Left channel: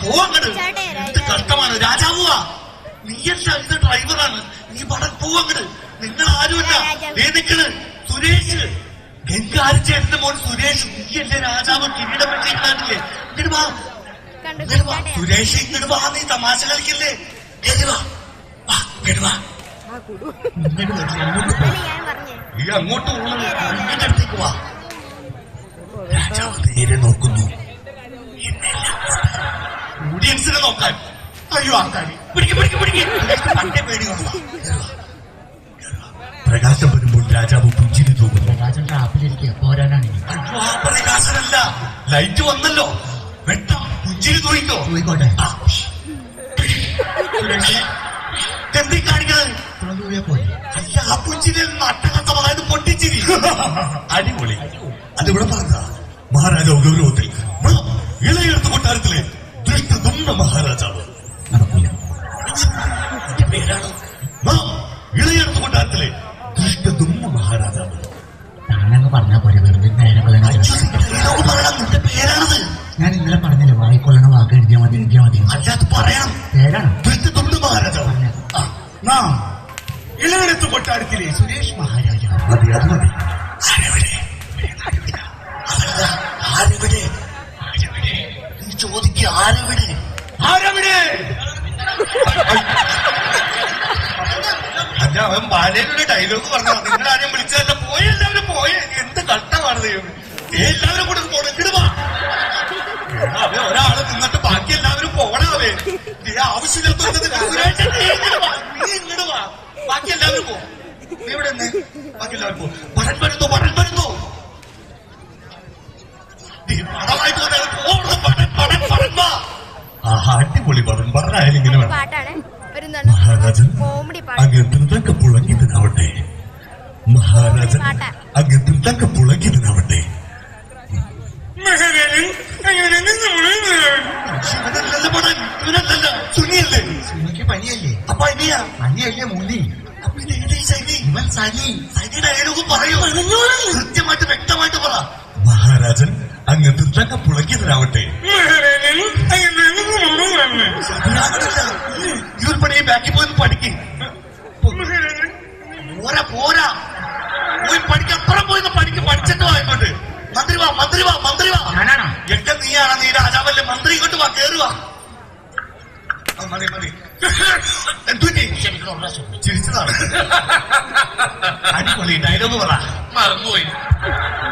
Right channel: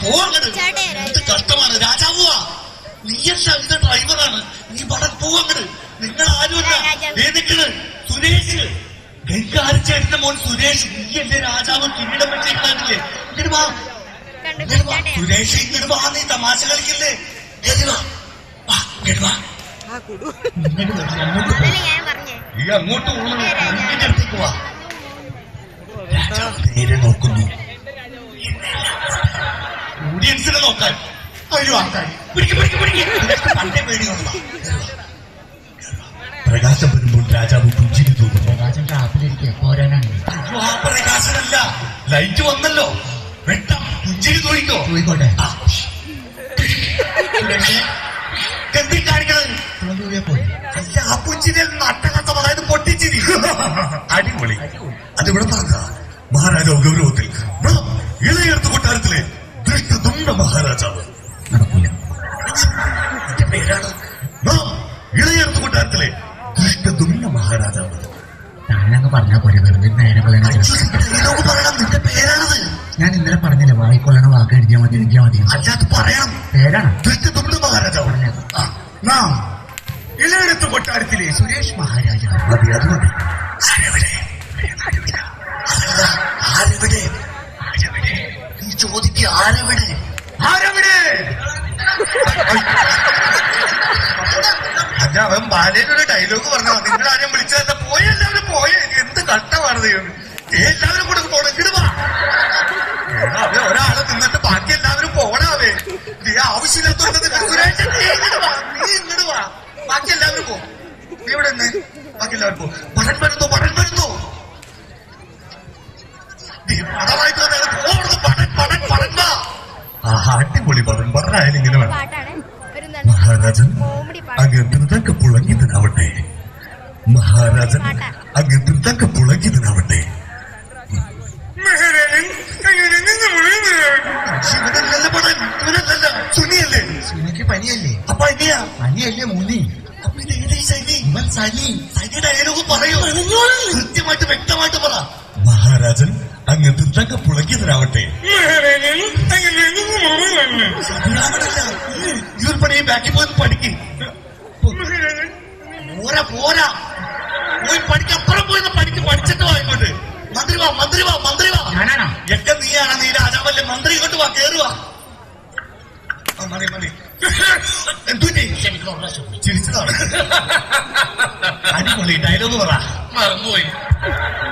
പോവങ്ങട്. എന്ത് കഷ്ടമാണ് രാജാവുവാ. നീയല്ല ഇതിന്റെ ഡ്രൈവറാണ്. നീ പടം പോവങ്ങട്. നിങ്ങൾ ആരുമല്ല. നിക്കണ് സുരേഷ്, ഗംഗാരച്ചേട്ടന്റെ മോൻ സുരേഷ്. നീ എന്റെ രാജാവ് കിരീടം വെച്ചിട്ടില്ലേ? ഇങ്ങോട്ട് വാ, സുരേഷ് ഇങ്ങോട്ട് വാ. നീ തമാശ കളിക്കല്ലേ? ഈ അങ്ങോട്ട് പോകണം. എന്റെ അടുത്തേക്ക് വാ. രാജാവ് നേരെ നോക്കുന്നു. ഓഡിയൻസിനെ നോക്കാൻ. അയ്യോ ആൾക്കാർ പണ്ടേ പേടിയുള്ള പ്രകാശം വരുമ്പോൾ രാജാവ് പുഞ്ചിരി തൂക്കുന്നു. പ്രകാശം ടാപ്പിലിരിക്കുക പോരാനാണ്. അയ്യോ ആ പ്രകാശനല്ല, ലൈറ്റ് വന്നല്ലോ. വെട്ടം പുഞ്ചിരി തൂയിക്കോ. പോയിക്കോട്ടെ. എന്തി കാണിക്കണത്? പോയി. അല്ല ആ പുഞ്ചിരി നട്ടകത്തം, അതായത് പൊട്ടിച്ചിരി. അടിപൊളി. അതിവിടെ പറഞ്ഞ മഹാരാജാവ് ഗൗരവത്തിൽ ഇളയെടുത്ത കൊട്ടാരത്തിലെ ദൃഷ്ടദുണ്ട മഹാരാജാവ്. നടക്കൂല. എന്റെ പേരാണ് ഇളയെടുത്ത കൊട്ടാരത്തിലെ ദൃഷ്ടദുണ്ട മഹാരാജാവ്. ഞാനങ്ങ് പറഞ്ഞാ പോലെ വെറുതെ നേരം കളയാൻ. പറയണം, നിന്റെ പേരാണത്. ഞാൻ ഇന്നലെ പറഞ്ഞില്ലേ വായിക്കൊള്ളണ വാക്ക് എഴുതിയാ മതി. അല്ലാതെ പറയണം. പേരാണ് ദൃഷ്ടദുണ്ട മഹാരാജാവ്. ഇളയെടുത്ത കൊട്ടാരത്തിലെ സുരേഷ് മഹാരാജാവ്. മതി, അതുകൊണ്ട് ആരെവിടെ നീ ചോദിക്കുക. ആരെവിടെ? അല്ല അവൻ ബാലേനൊരു ഡയലോഗ് പറഞ്ഞോ. നിങ്ങൾ ആരും വിളിച്ചതല്ല. പോയ എല്ലാവരും പോയ. എന്ത് കഷ്ടമാണ് ദൈവം. എല്ലാവരും കൂടെ പോണക്കിടുവാ. അവൻ ഒരാള് നിന്നിട്ട് ബാക്കി എല്ലാവരും പോണാവേ. നീ ആവശ്യമില്ലാത്ത നീ ഇങ്ങോട്ട് വാ. ബാക്കി എല്ലാവരും പോ. നീ ഇവിടെ നിന്ന് ബാക്കി എല്ലാവരും പോ. പടം വരുന്നു. അടിപൊളി പടം. പറഞ്ഞായാലും ഇങ്ങനെ വേണം. മഹാരാജൻ അങ്ങ് ധൃതൊക്കെ പുളങ്ങിയതിനാവട്ടെ. സുനിയല്ലേ? സുനിക്ക് പനിയല്ലേ? അപ്പൊ അനിയാ? പനിയല്ലേ മൂന്നി? അപ്പൊ ഇത് ഏത് സനി? ഇവൻ സനി. സനിയുടെ ഡയലോഗ് പറയൂ. കൃത്യമായിട്ട് വ്യക്തമായിട്ട് പറ. മഹാരാജൻ അങ്ങ് ധൃതൊക്കെ പുളങ്ങിയതിനാവട്ടെ. ഈ ഒരു പണി ബാക്കിൽ പോയി പഠിക്കും. പോരാ പോയി പഠിക്ക്. അപ്പുറം പോയി പഠിച്ചിട്ട് വായിക്കോട്ട്. മന്ത്രി വാ. ഞാനാണോ? ഒക്കെ നീയാണ്. നീ രാജാവല്ലേ. മന്ത്രി ഇങ്ങോട്ട് വാ. കേറുവാ. മതി എന്തുപറ്റി? ചിരിച്ചതാണ്. അടിപൊളി ഡയലോഗ് പറ. മറന്നുപോയി.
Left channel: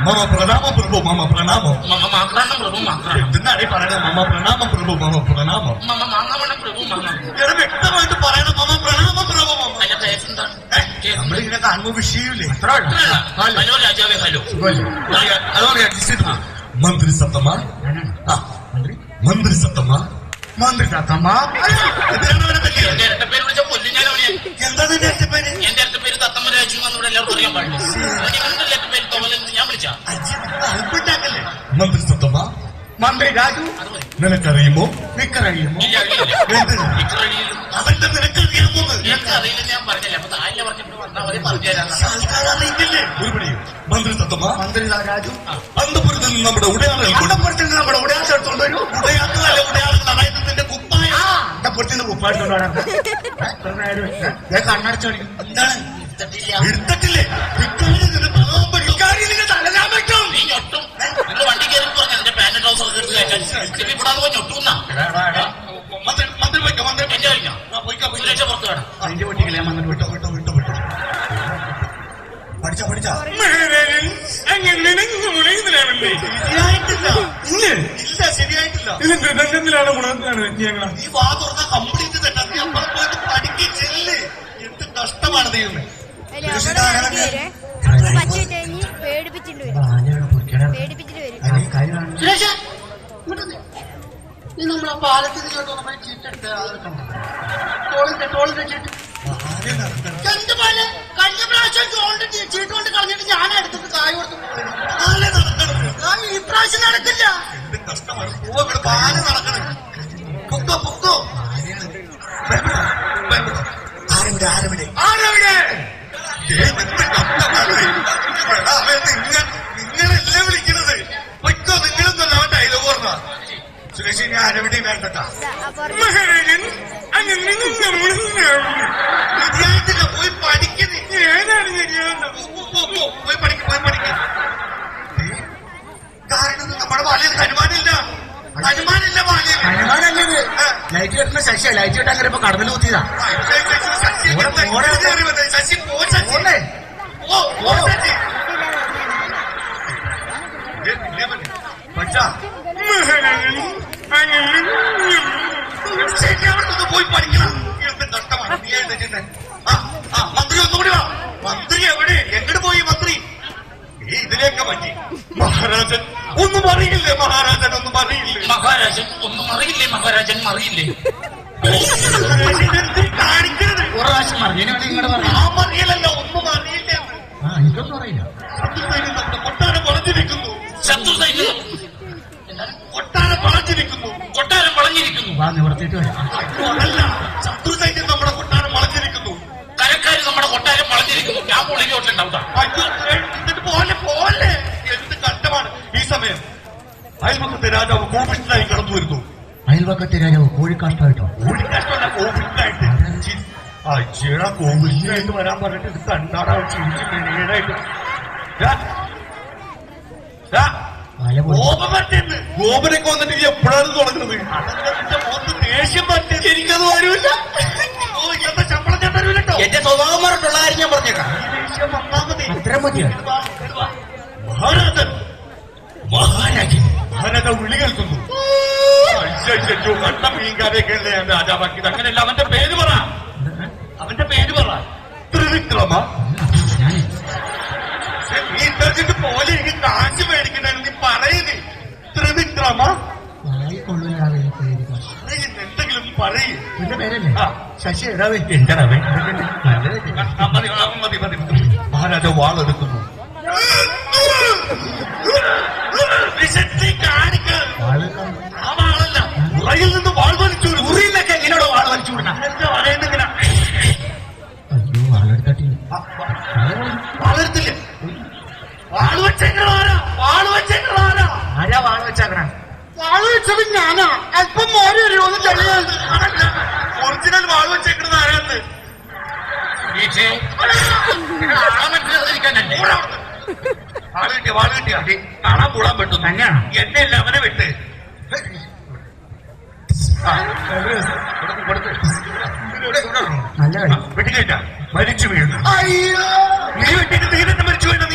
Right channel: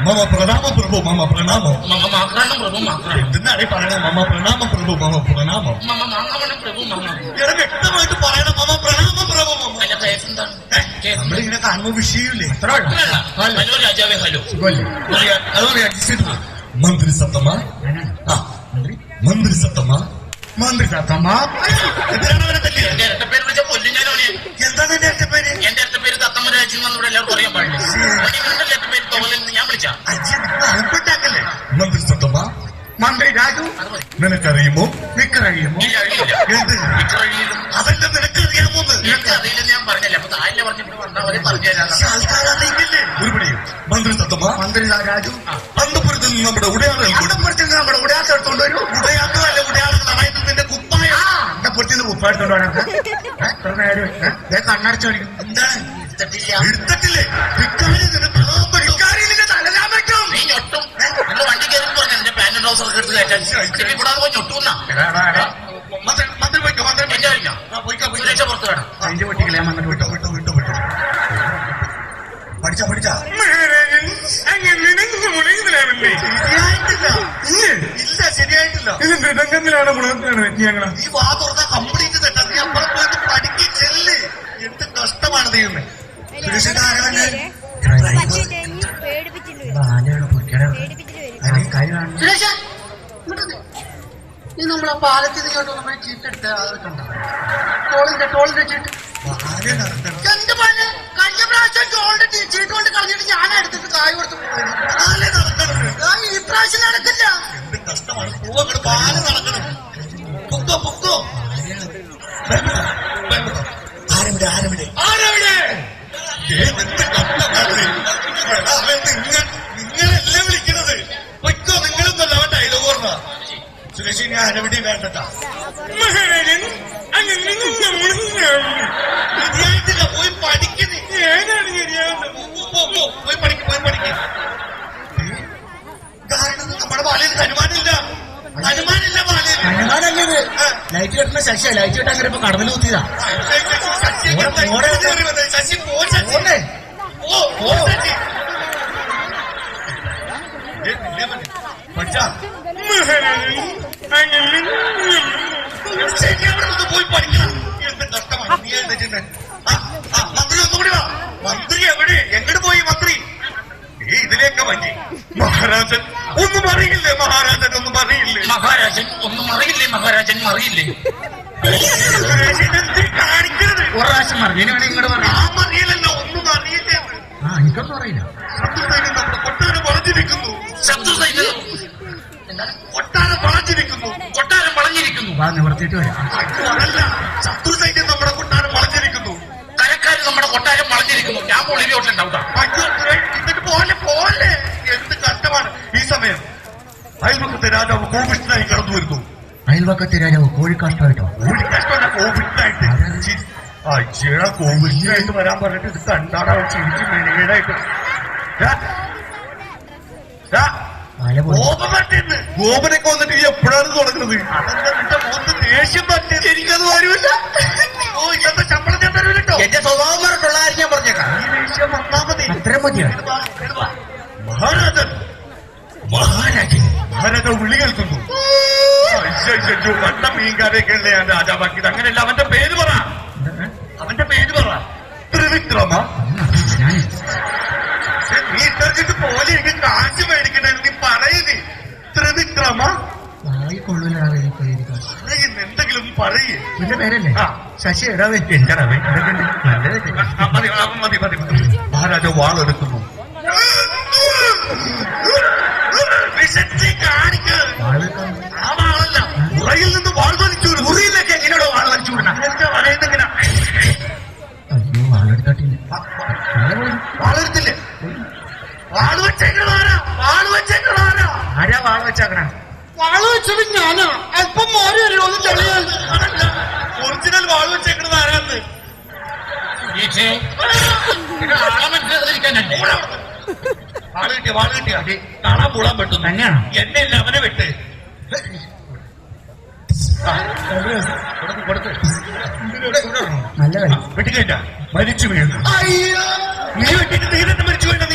മമ പ്രണാമം പ്രഭു. പ്രഭു. എന്തിനാണ് പറയണത്? മമ പ്രണാമം പ്രഭു. പ്രഭു. ഇവിടെ വ്യക്തമായിട്ട് പറയണം. മമ പ്രണാമം പ്രഭു. നമ്മളിങ്ങനെ കാണുമ്പോ വിഷയമില്ലേ? ഹലോ രാജാവേ. ഹലോ. അതോടെ അഡ്ജസ്റ്റ്. മന്ത്രി സത്തമ്മ. എന്റെ ഇരട്ടപ്പേര് വിളിച്ച കൊല്ലും ഞാൻ. എന്താ നിന്റെ ഇരട്ടപ്പേര്? എന്റെ ഇരട്ടപ്പേര് തത്തമ്മ രാജു എന്നൂടെ എല്ലാവർക്കും അറിയാൻ പാടില്ല. ഇരട്ടപ്പേര് തോന്നലെന്ന് ഞാൻ വിളിച്ച. അല്പണ്ടാക്കല്ലേ? മന്ത്രി സത്തമ്മ. മന്ത്രി രാജു. നിനക്കറിയുമോ? മിക്കറിയുമോ? അവന്റെ നിനക്കറിയാമോ? അറിയില്ലെന്ന് ഞാൻ പറഞ്ഞല്ലേ. അപ്പൊ താഴെ പറഞ്ഞിട്ട് വന്നാൽ അവരെ പറഞ്ഞുതരാം. ആൾക്കാരറിയില്ലേ? ഒരു പണിയും. മന്ത്രി സത്തമ്മ. മന്ത്രി രാജു. അന്തപുരത്തിൽ നിന്ന് നമ്മുടെ ഉടയാളെ എടുത്തോണ്ട് വരൂ. ഉടയാളല്ല, ഉടയാളം നന്നായിട്ട് കുപ്പായ. അന്തപുരത്തിൽ നിന്ന് കുപ്പ എടുത്തോണ്ട് വരാം. കണ്ണടച്ചു കളിക്കും. എന്താണ് എടുത്തിട്ടില്ലേ? തലനാൻ പറ്റും. നീ ഞൊട്ടും. നിങ്ങൾ വണ്ടി കയറി പറഞ്ഞു എന്റെ പാന്റ് ട്രൗസർ ഒക്കെ എടുത്ത് കയറ്റാൻ. കൂടാതെ പോയി ഞൊട്ടുന്ന മന്ത്രി പോയിക്കോ. സുരക്ഷ പുറത്തു വേണം. അതിന്റെ പൊട്ടിക്കല ഞാൻ വന്നിട്ട് വിട്ടോ. പഠിച്ചാ ശരിയായിട്ടില്ല. ഇത് മൃദംഗത്തിലാണ് മുളകത്തിലാണ് ഞങ്ങൾ. ഈ വാ തുറന്ന കംപ്ലീറ്റ് തെറ്റാ. നീ അപ്പുറം പോയിട്ട് പഠിക്ക് ചെല്ല്. എന്ത് കഷ്ടമാണ് ദൈവമേ. ഈ നമ്മളെ പാലത്തിൽ ഇങ്ങോട്ട് നമ്മൾ ചീട്ടെടുത്ത അത് കണ്ട ടോളിന്റെ ചീട്ട്. എന്ത് പോലെ കഴിഞ്ഞ പ്രാവശ്യം ടോളിന്റെ ചീട്ട് കൊണ്ട് കളഞ്ഞിട്ട് ഞാൻ എടുത്തിട്ട് കായ് കൊടുത്തു. ഈ പ്രാവശ്യം നടക്കില്ല. എന്ത് കഷ്ടമാണ്. പാല് നടക്കണം. പൊക്കോ. ആരവിടെ? എന്ത് കഷ്ടമാണ്. നിങ്ങളല്ലേ വിളിക്കണത്? പൊയ്ക്കോ. നിങ്ങളൊന്നല്ല അവൻ ഡയലോഗ് പറഞ്ഞ. സുരേഷ കുറിച്ച് ഞാൻ എവിടെയും വേണ്ടട്ടാ. മഹാരാജൻ അങ്ങനെ ശരിയായിട്ടില്ല, പോയി പഠിക്കുന്നേ. ഞാനാണ് ശരിയാവുന്നത്. പോയി പഠിക്ക്. കാരണം നമ്മുടെ ബാലയിൽ ഹനുമാനില്ല ബാലയിൽ. ഹനുമാനല്ലത് ലൈറ്റ് കെട്ടുന്ന ശശിയാ. ലൈറ്റ് കെട്ടാൻ കയറിയപ്പോ കടന്നിൽ കുത്തിയതാ. ശശി പോ, ശശി ഓടേ പോ, ശശി. പഠിച്ചാ പോയി പഠിക്കണം. എന്ത് കഷ്ടമാണ്. നീ എന്താ ചെയ്യുന്നത്? മന്ത്രി ഒന്നുകൂടി വാ. മന്ത്രി എവിടെ? എങ്ങോട്ട് പോയി മന്ത്രി? ഇതിലേക്ക് പറ്റി. മഹാരാജൻ ഒന്നും അറിയില്ലേ? മഹാരാജൻ ഒന്നും അറിയില്ലേ? മഹാരാജൻ ഒന്നും അറിയില്ലേ? മഹാരാജൻ അറിയില്ലേ? എന്ത് കാണിക്കരുത്. ഒരു പ്രാവശ്യം അറിഞ്ഞതിന് വേണ്ടി ഇങ്ങോട്ട് പറഞ്ഞു. ആ അറിയില്ലല്ല, ഒന്നും അറിയില്ലേ? എനിക്കൊന്നും അറിയില്ല. നമ്മുടെ കൊട്ടാരം വളഞ്ഞിരിക്കുന്നു. ശത്രു സൈന്യം കൊട്ടാരം വളഞ്ഞിരിക്കുന്നു. കൊട്ടാരം വളഞ്ഞിരിക്കുന്നു. വാ നിവർത്തിയിട്ട് വരാം. അതല്ല, ശത്രു സൈന്യം നമ്മുടെ കൊട്ടാരം വളഞ്ഞിരിക്കുന്നു. കരക്കാര് നമ്മുടെ കൊട്ടാരം വളഞ്ഞിരിക്കുന്നു. ഞാൻ പൊളിയിലോട്ടുണ്ടാവുക. അയ്യോ, എന്നിട്ട് പോലെ എന്ത് കഷ്ടമാണ്. ഈ സമയം അയൽപക്കത്തെ രാജാവ് കോപിഷ്ഠനായി കടന്നു വരുന്നു. അയൽവക്കത്തെ രാജാവ് കോഴിക്കാഷ്ടമായിട്ടോ? കോഴിക്കഷ്ടമല്ല, കോപിഷ്ഠനായിട്ട്. അച്ഛടാ, കോപിഷ്ഠനായിട്ട് വരാൻ പറഞ്ഞിട്ട് ഇത് കണ്ടാടാ ചിരിച്ച് മെനകേടായിട്ട്. കോപം പറ്റുന്നു. ഗോപനൊക്കെ വന്നിട്ട് നീ എപ്പോഴാണ് തുടങ്ങുന്നത്? അതെന്താ നിന്റെ മുഖത്ത് ദേഷ്യം പറ്റുന്നത്? എനിക്കത് വരുമില്ല. ഓ, ഇന്നത്തെ ശമ്പളം ഞാൻ തരൂല്ലോ. എന്റെ സ്വഭാവം പറഞ്ഞിട്ടുള്ള കാര്യം ഞാൻ പറഞ്ഞേക്കാം. ഈ ദേഷ്യം വന്നാ മതി. അത്ര മതിയാണ്. മഹാരാജാവ് വിളി കേൾക്കുന്നു. അയ്യോ, കണ്ട മീൻകാരെയൊക്കെയല്ലേ ഞാൻ രാജാവാക്കിയത്. അങ്ങനെയല്ല, അവന്റെ പേര് പറ. ത്രിവിക്രമ. നീ ഇട്ടറിച്ചിട്ട് പോലെ എനിക്ക് കാശ് മേടിക്കണേ. നീ പറയുന്നേ ത്രിവിക്രമ. കൊള്ളൂലാവേ പറയുന്നു, എന്തെങ്കിലും പറയേ. നിന്റെ പേരല്ലേ? ശശി ഇടാവേ. എന്താണവേ? നല്ലത്. മതി. മഹാരാജാവ് വാളെടുക്കുന്നു. ആ വാളല്ല, ഉറയിൽ നിന്ന് വാൾ വലിച്ചു. ഉറിയിലൊക്കെ എങ്ങനെയോ വാള് വലിച്ചു വിടണം. എന്താ പറയുന്നെങ്ങനെ? അയ്യോ വാളെടുത്തിട്ടില്ല. വാളെടുത്തില്ലേ? വാള് വെച്ചേക്കണാരാ? ആരാ വാള് വെച്ചാക്കണ? വാള് വെച്ചത് ഞാനാ. അല്പം മോര് വരുമോന്ന് ചെറിയാൻ. അതല്ല, ഒറിജിനൽ വാള് വെച്ചേക്കണത് ആരാന്ന്? വാള് കിട്ടിയ കാണാൻ കൂടാൻ പറ്റുന്നു. തന്നെയാണോ? എന്നെ ഇല്ല, അവനെ വിട്ട്. കൊടുത്ത് നല്ല കാര്യം. വെട്ടിക്കേറ്റ മരിച്ചു വീഴുന്നു. നീ വെട്ടിക്ക് തീരത്ത് മരിച്ചു വീഴുന്നു.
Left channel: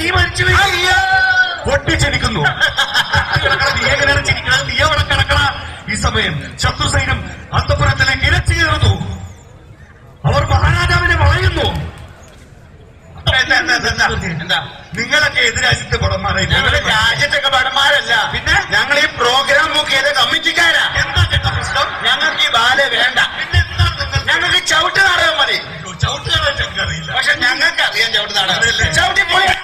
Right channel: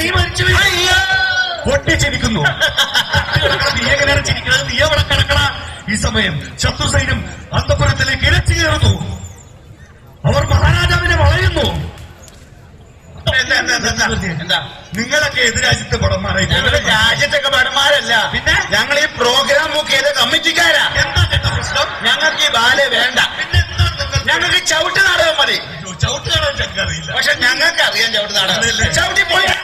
നീ മരിച്ചു വീഴുന്നു. പൊട്ടിച്ചിരിക്കുന്നു. നീ എങ്ങനെയാണ് ചിരിക്കുന്നത്? നീ അവിടെ കിടക്കണ. ഈ സമയം ശത്രു സൈന്യം അന്തപുരത്തിലേക്ക് ഇരച്ചു കയറുന്നു. അവർ മഹാരാജാവിനെ വളയുന്നു. എന്താ നിങ്ങളൊക്കെ എതിരാജ്യത്തെ പടന്മാരായി? ഞങ്ങളുടെ രാജ്യത്തൊക്കെ ഭടന്മാരല്ല. പിന്നെ ഞങ്ങൾ ഈ പ്രോഗ്രാം ബുക്ക് ചെയ്ത കമ്മിറ്റിക്കാരാ. എന്താ പ്രശ്നം? ഞങ്ങൾക്ക് ഈ ബാലെ വേണ്ട. പിന്നെ എന്താ നിങ്ങൾ? ഞങ്ങൾക്ക് ചവിട്ട് നാടകം മതി. ചവിട്ടുകളെ ഞങ്ങൾക്കറിയില്ല. പക്ഷെ ഞങ്ങൾക്ക് അറിയാം ചവിട്ട് നാടകം. ചവിട്ടി പോയാ